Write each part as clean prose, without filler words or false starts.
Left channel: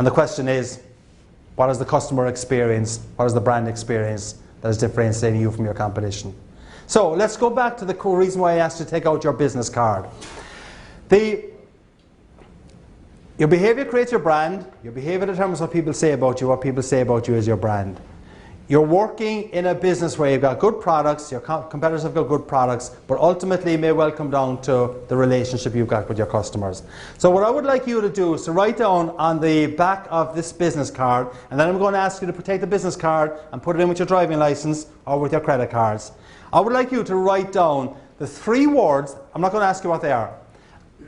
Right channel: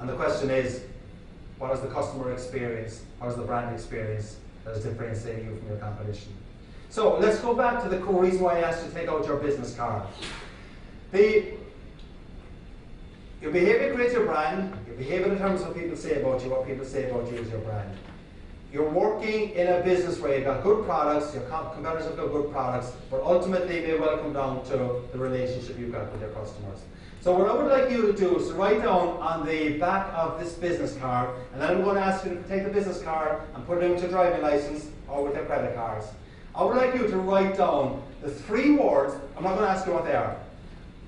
And the question is, what is the customer experience? What is the brand experience that is differentiating you from your competition? So let's go back to the core reason why I asked you to take out your business card. Your behavior creates your brand. Your behavior determines what people say about you. What people say about you is your brand. You're working in a business where you've got good products, your competitors have got good products, but ultimately it may well come down to the relationship you've got with your customers. So what I would like you to do is to write down on the back of this business card, and then I'm going to ask you to take the business card and put it in with your driving license or with your credit cards. I would like you to write down the 3 words. I'm not going to ask you what they are.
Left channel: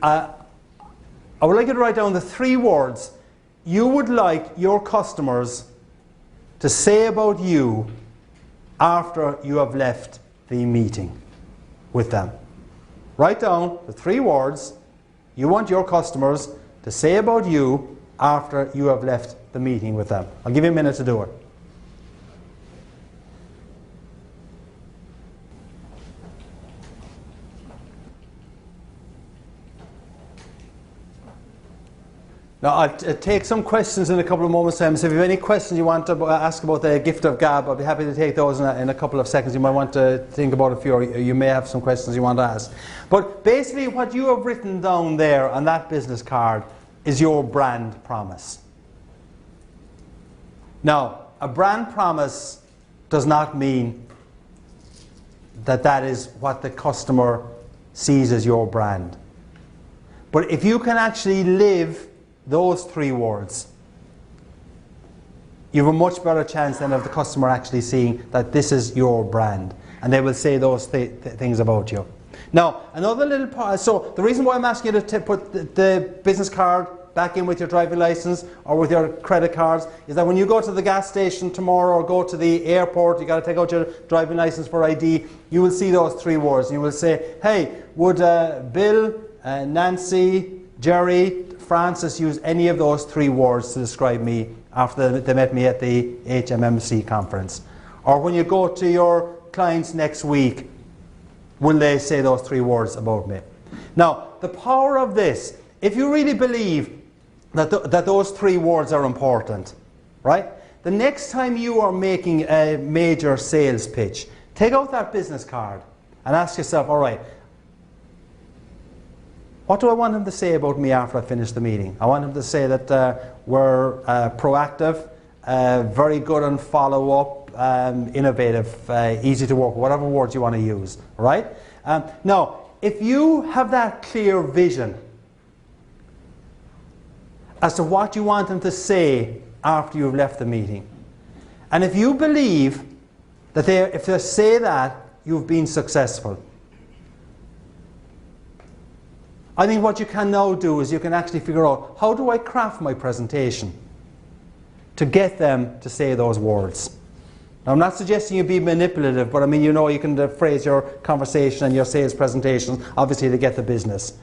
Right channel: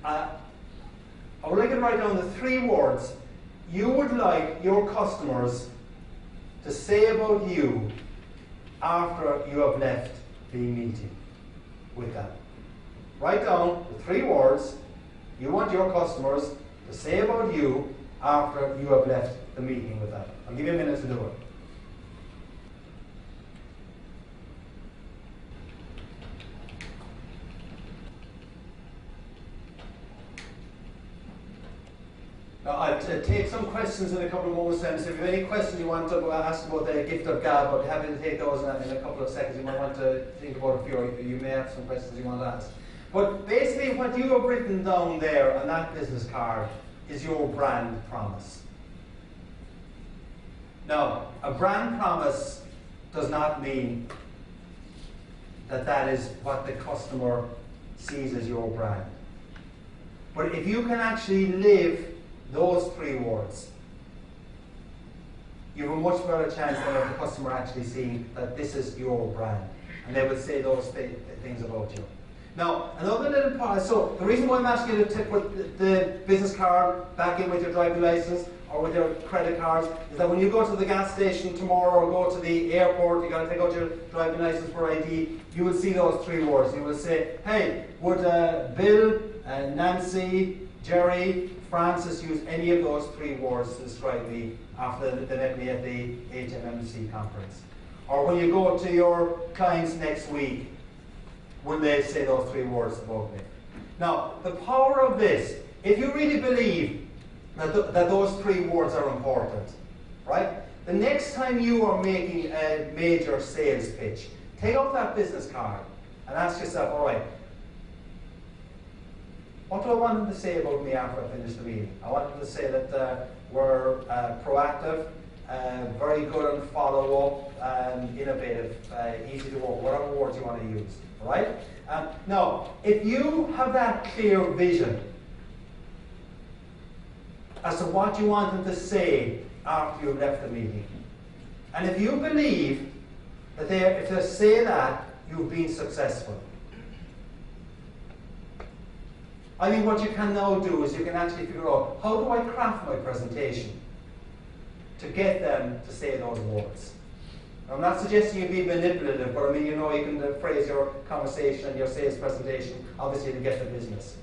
I would like you to write down the 3 words you would like your customers to say about you after you have left the meeting with them. Write down the 3 words you want your customers to say about you after you have left the meeting with them. I'll give you a minute to do it. Now, I'll take some questions in a couple of moments' time. So if you have any questions you want to ask about the gift of gab, I'll be happy to take those in a couple of seconds. You might want to think about a few, or you may have some questions you want to ask. But basically what you have written down there on that business card is your brand promise. Now, a brand promise does not mean that that is what the customer sees as your brand. But if you can actually live those 3 words, you have a much better chance than of the customer actually seeing that this is your brand, and they will say those things about you. Now, another little part, so the reason why I'm asking you to put the business card back in with your driving license or with your credit cards is that when you go to the gas station tomorrow or go to the airport, you got to take out your driving license for ID, you will see those 3 words. You will say, hey, would Bill, Nancy, Jerry, Francis use any of those 3 words to describe me after they met me at the HMMC conference? Or when you go to your clients next week, will they say those 3 words about me? Now, the power of this, if you really believe that those 3 words are important, right? The next time you are making a major sales pitch, take out that business card and ask yourself, all right, what do I want them to say about me after I finish the meeting? I want them to say that we're proactive, very good on follow-up, innovative, easy to work with, whatever words you want to use, right? Now, if you have that clear vision as to what you want them to say after you've left the meeting, and if you believe that if they say that, you've been successful, I think what you can now do is you can actually figure out, how do I craft my presentation to get them to say those words? Now, I'm not suggesting you be manipulative, but I mean, you know, you can phrase your conversation and your sales presentations, obviously, to get the business.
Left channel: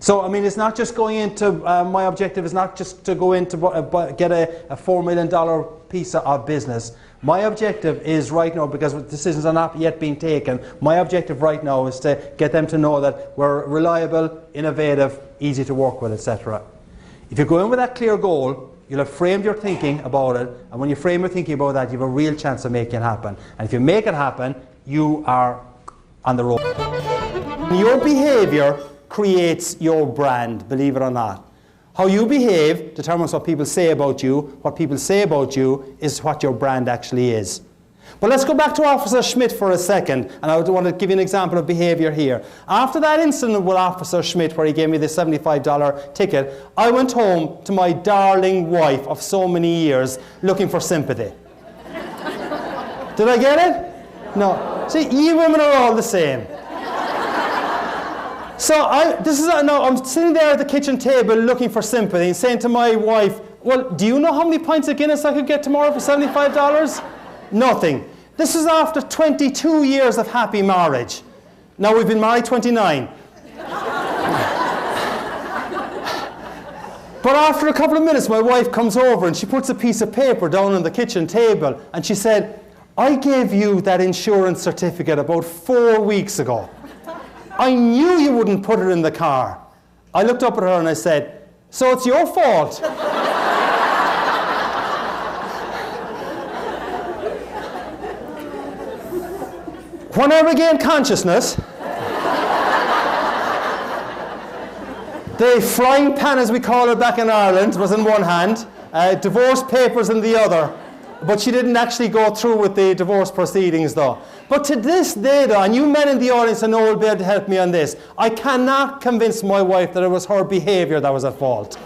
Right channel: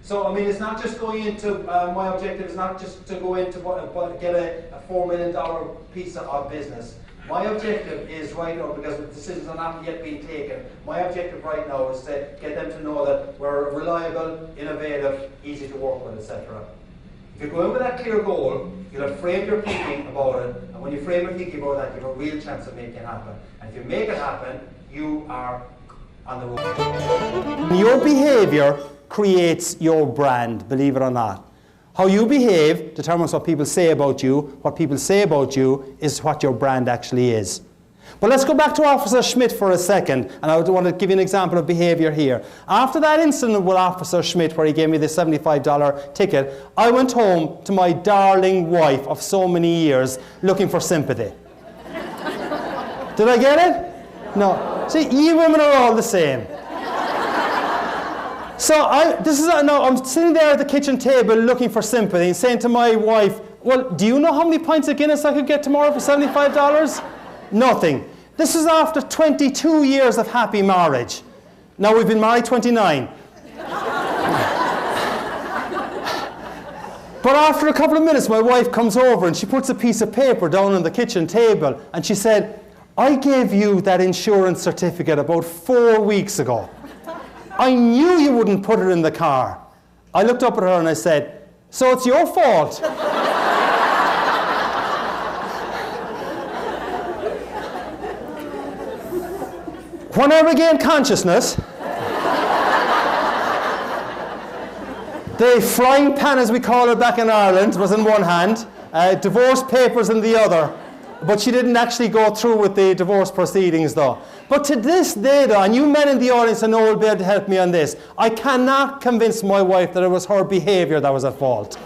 So, I mean, it's not just going into, my objective is not just to go into get a $4 million piece of business. My objective is right now, because decisions are not yet being taken, my objective right now is to get them to know that we're reliable, innovative, easy to work with, etc. If you go in with that clear goal, you'll have framed your thinking about it, and when you frame your thinking about that, you have a real chance of making it happen. And if you make it happen, you are on the road. Your behavior creates your brand, believe it or not. How you behave determines what people say about you. What people say about you is what your brand actually is. But let's go back to Officer Schmidt for a second, and I want to give you an example of behavior here. After that incident with Officer Schmidt where he gave me the $75 ticket, I went home to my darling wife of so many years looking for sympathy. Did I get it? No. See, you women are all the same. So I'm sitting there at the kitchen table looking for sympathy and saying to my wife, well, do you know how many pints of Guinness I could get tomorrow for $75? Nothing. This is after 22 years of happy marriage. Now we've been married 29. But after a couple of minutes, my wife comes over and she puts a piece of paper down on the kitchen table and she said, I gave you that insurance certificate about 4 weeks ago. I knew you wouldn't put it in the car. I looked up at her and I said, so it's your fault? When I regained consciousness, the frying pan, as we call it back in Ireland, was in one hand, divorce papers in the other. But she didn't actually go through with the divorce proceedings though. But to this day though, and you men in the audience I know will be able to help me on this, I cannot convince my wife that it was her behaviour that was at fault.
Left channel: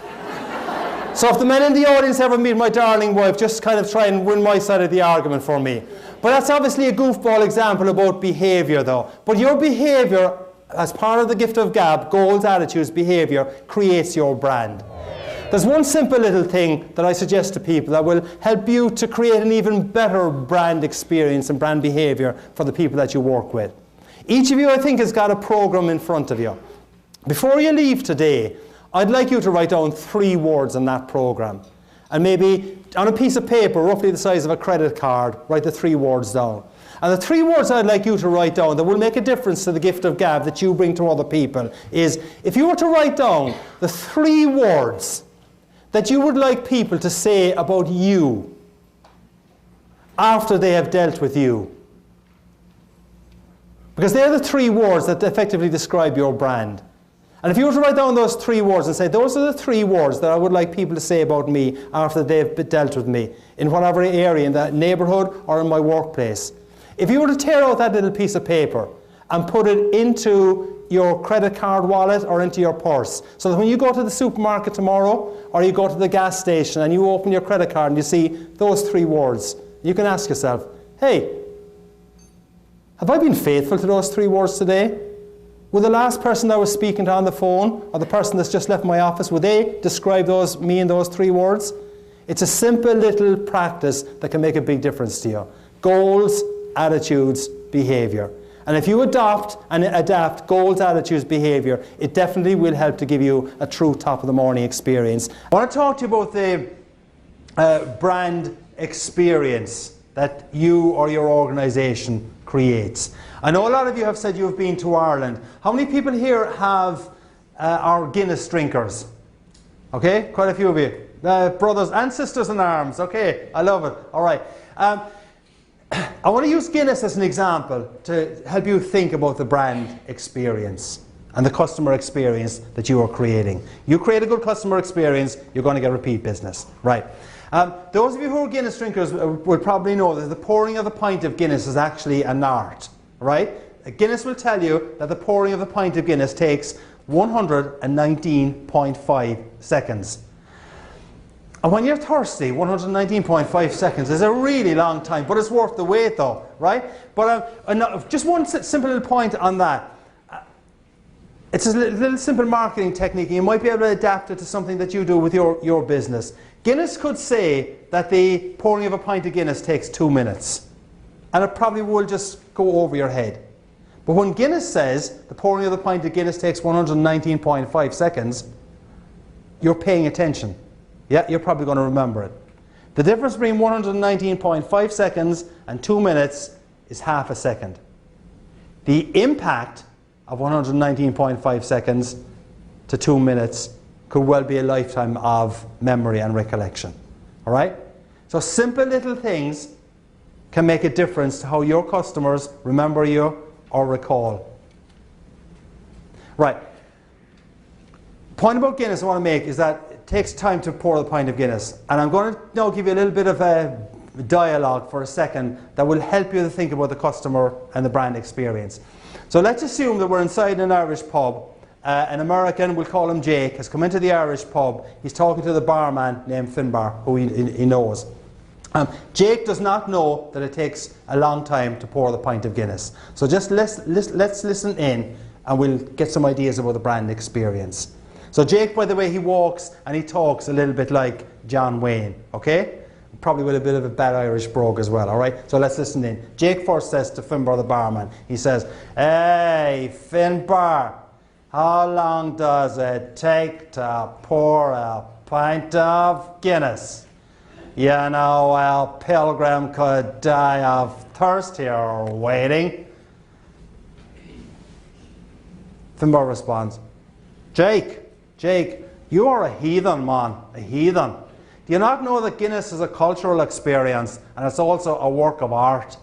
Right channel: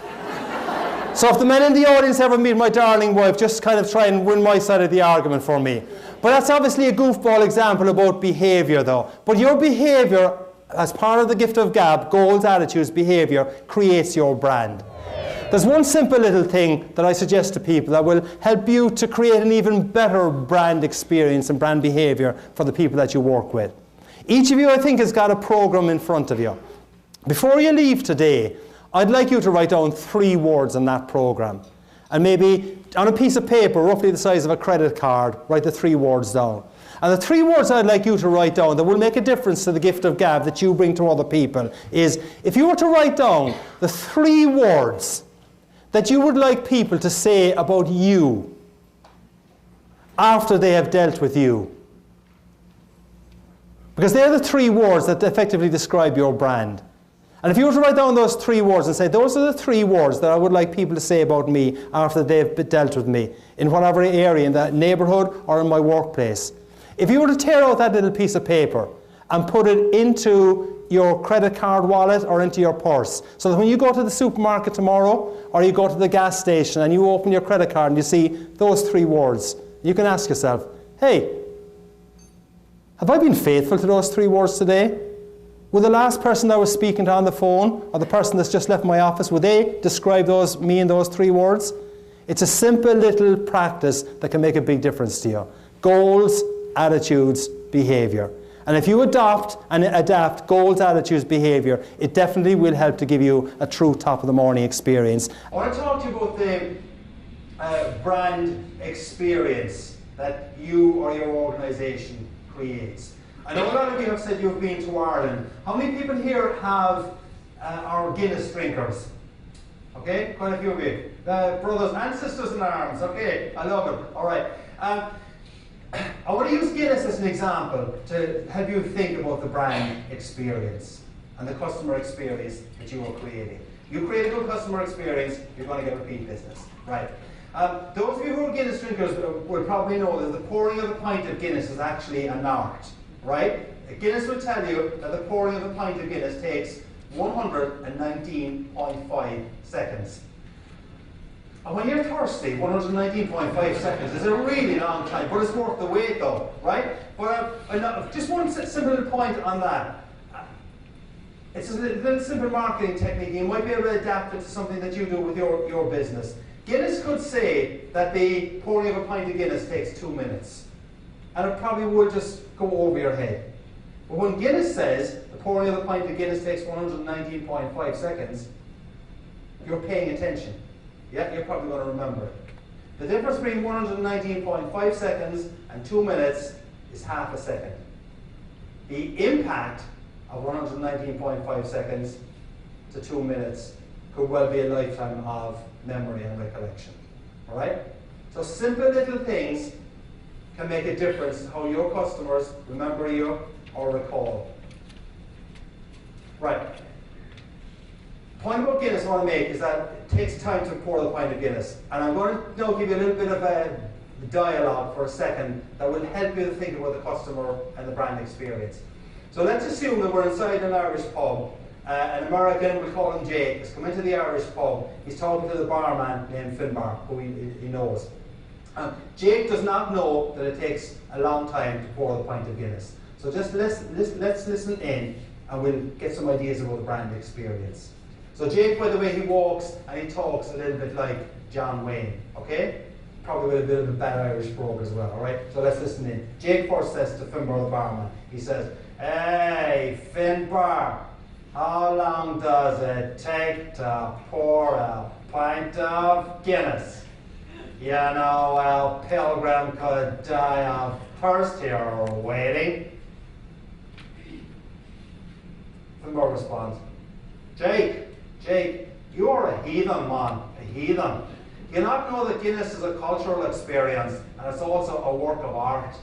So if the men in the audience ever meet my darling wife, just kind of try and win my side of the argument for me. But that's obviously a goofball example about behaviour though. But your behaviour, as part of the gift of gab, goals, attitudes, behaviour, creates your brand. There's one simple little thing that I suggest to people that will help you to create an even better brand experience and brand behaviour for the people that you work with. Each of you, I think, has got a program in front of you. Before you leave today, I'd like you to write down 3 words on that program. And maybe on a piece of paper, roughly the size of a credit card, write the 3 words down. And the 3 words I'd like you to write down that will make a difference to the gift of gab that you bring to other people is, if you were to write down the 3 words that you would like people to say about you after they have dealt with you. Because they're the 3 words that effectively describe your brand. And if you were to write down those 3 words and say, those are the 3 words that I would like people to say about me after they've dealt with me, in whatever area, in that neighbourhood or in my workplace. If you were to tear out that little piece of paper and put it into your credit card wallet or into your purse, so that when you go to the supermarket tomorrow or you go to the gas station and you open your credit card and you see those 3 words, you can ask yourself, hey, have I been faithful to those 3 words today? Will the last person I was speaking to on the phone or the person that's just left my office, will they describe me in those 3 words? It's a simple little practice that can make a big difference to you. Goals, attitudes, behaviour. And if you adopt and adapt goals, attitudes, behaviour, it definitely will help to give you a true top of the morning experience. I want to talk to you about the brand experience that you or your organisation creates. I know a lot of you have said you've been to Ireland. How many people here are Guinness drinkers? Okay, quite a few of you. Brothers and sisters in arms. Okay, I love it. All right. I want to use Guinness as an example to help you think about the brand experience and the customer experience that you are creating. You create a good customer experience, you're going to get repeat business. Right. Those of you who are Guinness drinkers will probably know that the pouring of a pint of Guinness is actually an art. Right? Guinness will tell you that the pouring of a pint of Guinness takes 119.5 seconds. And when you're thirsty, 119.5 seconds is a really long time, but it's worth the wait though, right? But just one simple little point on that. It's a little simple marketing technique. You might be able to adapt it to something that you do with your business. Guinness could say that the pouring of a pint of Guinness takes 2 minutes. And it probably will just go over your head. But when Guinness says the pouring of the pint of Guinness takes 119.5 seconds, you're paying attention. Yeah, you're probably going to remember it. The difference between 119.5 seconds and 2 minutes is half a second. The impact of 119.5 seconds to 2 minutes could well be a lifetime of memory and recollection. All right? So simple little things can make a difference to how your customers remember you or recall. Right. Point about Guinness I want to make is that it takes time to pour the pint of Guinness. And I'm going to now give you a little bit of a dialogue for a second that will help you to think about the customer and the brand experience. So let's assume that we're inside an Irish pub. An American, we'll call him Jake, has come into the Irish pub. He's talking to the barman named Finbar, who he knows. Jake does not know that it takes a long time to pour the pint of Guinness. So just let's listen in and we'll get some ideas about the brand experience. So Jake, by the way, he walks and he talks a little bit like John Wayne, okay? Probably with a bit of a bad Irish brogue as well, all right? So let's listen in. Jake first says to Finbar the barman, he says, "Hey, Finbar, how long does it take to pour a pint of Guinness? You know, a pilgrim could die of thirst here waiting." Finbar responds, Jake, you are a heathen, man, a heathen. Do you not know that Guinness is a cultural experience and it's also a work of art?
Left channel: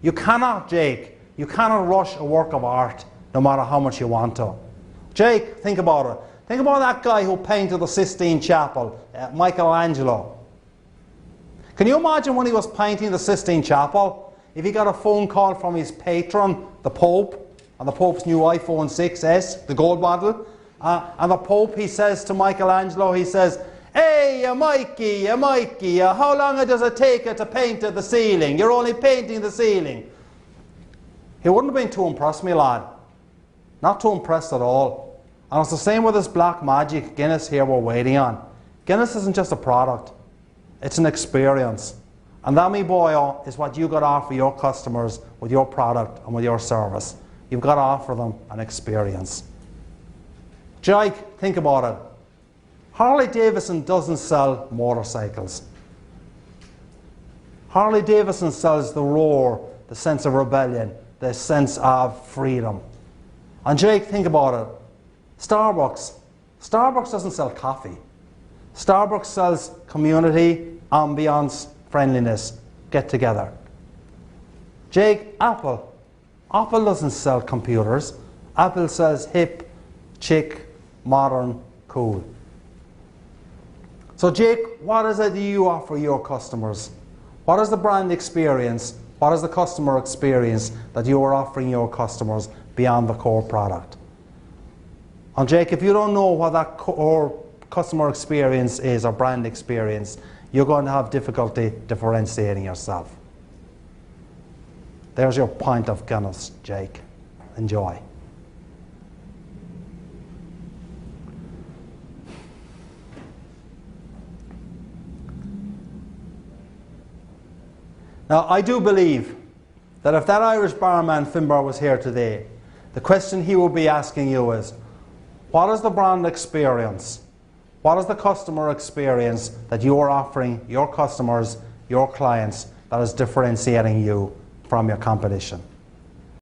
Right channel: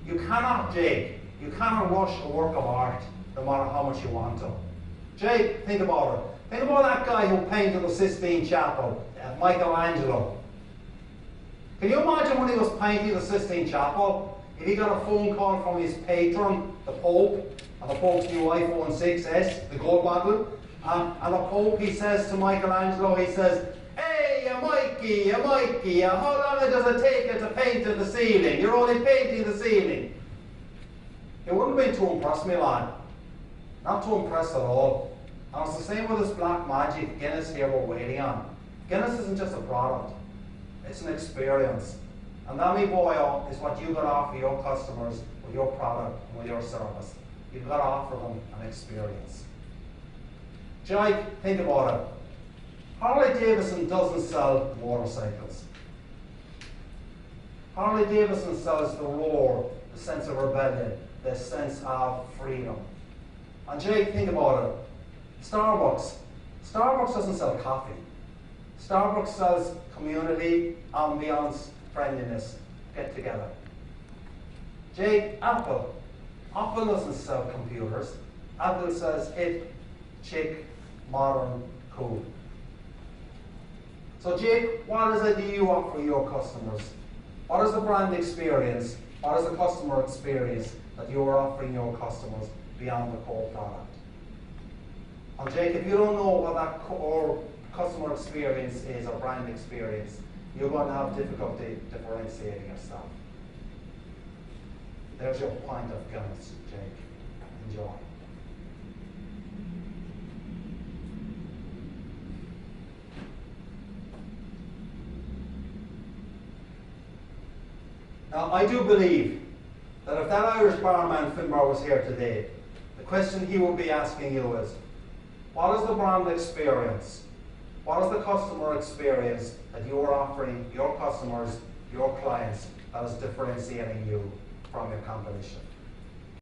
You cannot, Jake, You cannot rush a work of art no matter how much you want to. Jake, think about it. Think about that guy who painted the Sistine Chapel, Michelangelo. Can you imagine when he was painting the Sistine Chapel, if he got a phone call from his patron, the Pope, and the Pope's new iPhone 6S, the gold model, and the Pope, he says to Michelangelo, he says, "Hey, Mikey, how long does it take you to paint the ceiling? You're only painting the ceiling." He wouldn't have been too impressed, my lad. Not too impressed at all. And it's the same with this black magic Guinness here we're waiting on. Guinness isn't just a product, it's an experience. And that, me boy, is what you got to offer your customers with your product and with your service. You've got to offer them an experience. Jake, think about it. Harley Davidson doesn't sell motorcycles. Harley Davidson sells the roar, the sense of rebellion, the sense of freedom. And Jake, think about it. Starbucks doesn't sell coffee. Starbucks sells community, ambience, friendliness, get together. Jake, Apple doesn't sell computers. Apple sells hip, chic, modern, cool. So Jake, what is it you offer your customers? What is the brand experience? What is the customer experience that you are offering your customers beyond the core product? And Jake, if you don't know what that core customer experience is or brand experience, you're going to have difficulty differentiating yourself. There's your pint of Guinness, Jake. Enjoy. Now, I do believe that if that Irish barman Finbar was here today, the question he would be asking you is, what is the brand experience? What is the customer experience that you are offering your customers, your clients, that is differentiating you from your competition?